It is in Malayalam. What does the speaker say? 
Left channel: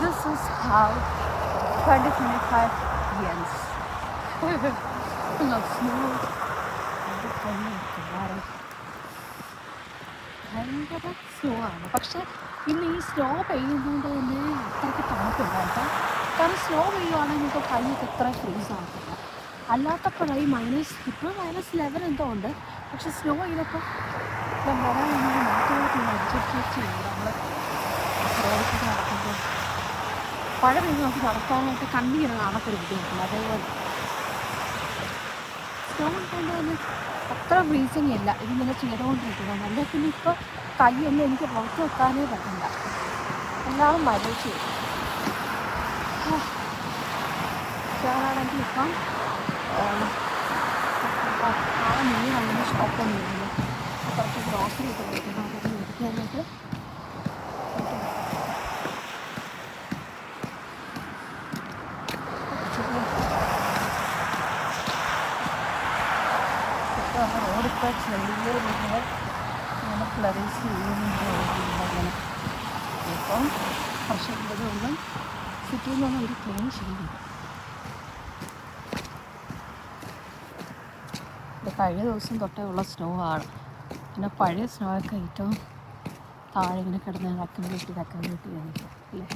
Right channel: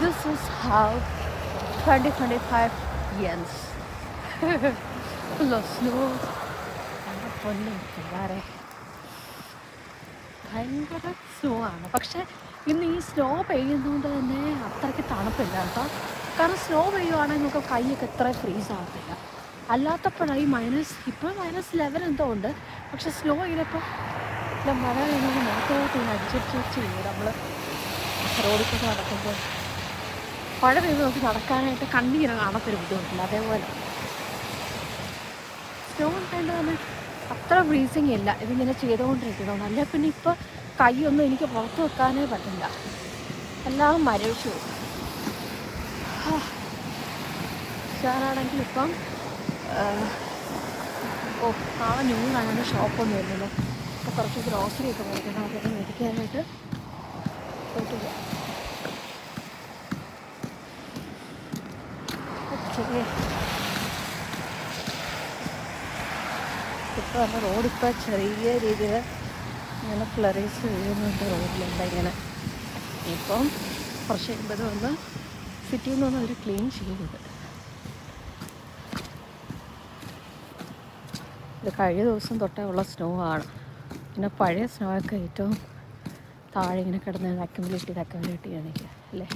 This is how 2025 ends. Full of snow. ഭയങ്കര സ്നോ ആണ്. പക്ഷെ ഇന്ന് ഈ സ്നോ പെയ്യുന്നതുകൊണ്ട് തന്നെ അത്രയ്ക്ക് തണുപ്പില്ല കേട്ടോ. കാരണം സ്നോ പെയ്യുവാണെങ്കിൽ നമുക്ക് കൈയൊക്കെ എത്ര ഫ്രീസ് ആക്കണം. അല്ലാത്തപ്പോഴായി ഇപ്പോൾ -11 എന്തോ ഉണ്ട്. പക്ഷെ സ്നോ ഇങ്ങനൊക്കെ മഴ ഇങ്ങനെ മാത്രമായിട്ട് അടിച്ചിട്ട് നമ്മൾ റോഡിൽ നടക്കുമ്പോൾ മഴ പെയ്ത് നമുക്ക് നടക്കാനായിട്ട് കണ്ണിങ്ങനെ കാണത്തൊരു ബുദ്ധിമുട്ടില്ല. അതേപോലെ സ്നോ ഉണ്ടാകുമ്പോൾ അത്ര ഫ്രീസിങ് ഇല്ല. ഇതിങ്ങനെ ചെയ്തുകൊണ്ടിരിക്കുന്നത്. അല്ലെങ്കിൽ പിന്നെ ഇപ്പോൾ കൈയൊന്നും എനിക്ക് പുറത്ത് വെക്കാനേ പറ്റുന്നില്ല. എല്ലാവരും മഴയ്ക്ക് ഞാനാണെങ്കിൽ ഇപ്പം മീനാണെങ്കിൽ ഷോപ്പിൽ വരുന്നത് കുറച്ച് ഗ്രോസറി ഒക്കെ കൊടുക്കുന്നത് കുറച്ച് മേടിക്കാനായിട്ട് റോഡൊക്കെ ചെറിയ രീതിയിൽ ഫ്ലറീസ് ചെയ്യുന്നുണ്ട്. ഇപ്പം പക്ഷേ ഇവിടെ സിറ്റിയിൽ നിന്ന് ഒരു ക്ലീൻ ചെയ്തു. ഇത് കഴിഞ്ഞ ദിവസം തൊട്ടേ ഉള്ള സ്നോ ആണ്. പിന്നെ പഴയ സ്നോ ഒക്കെ ഏറ്റവും താഴെ ഇങ്ങനെ കിടന്ന് വെക്കം വീട്ടിയാണ് അല്ലേ.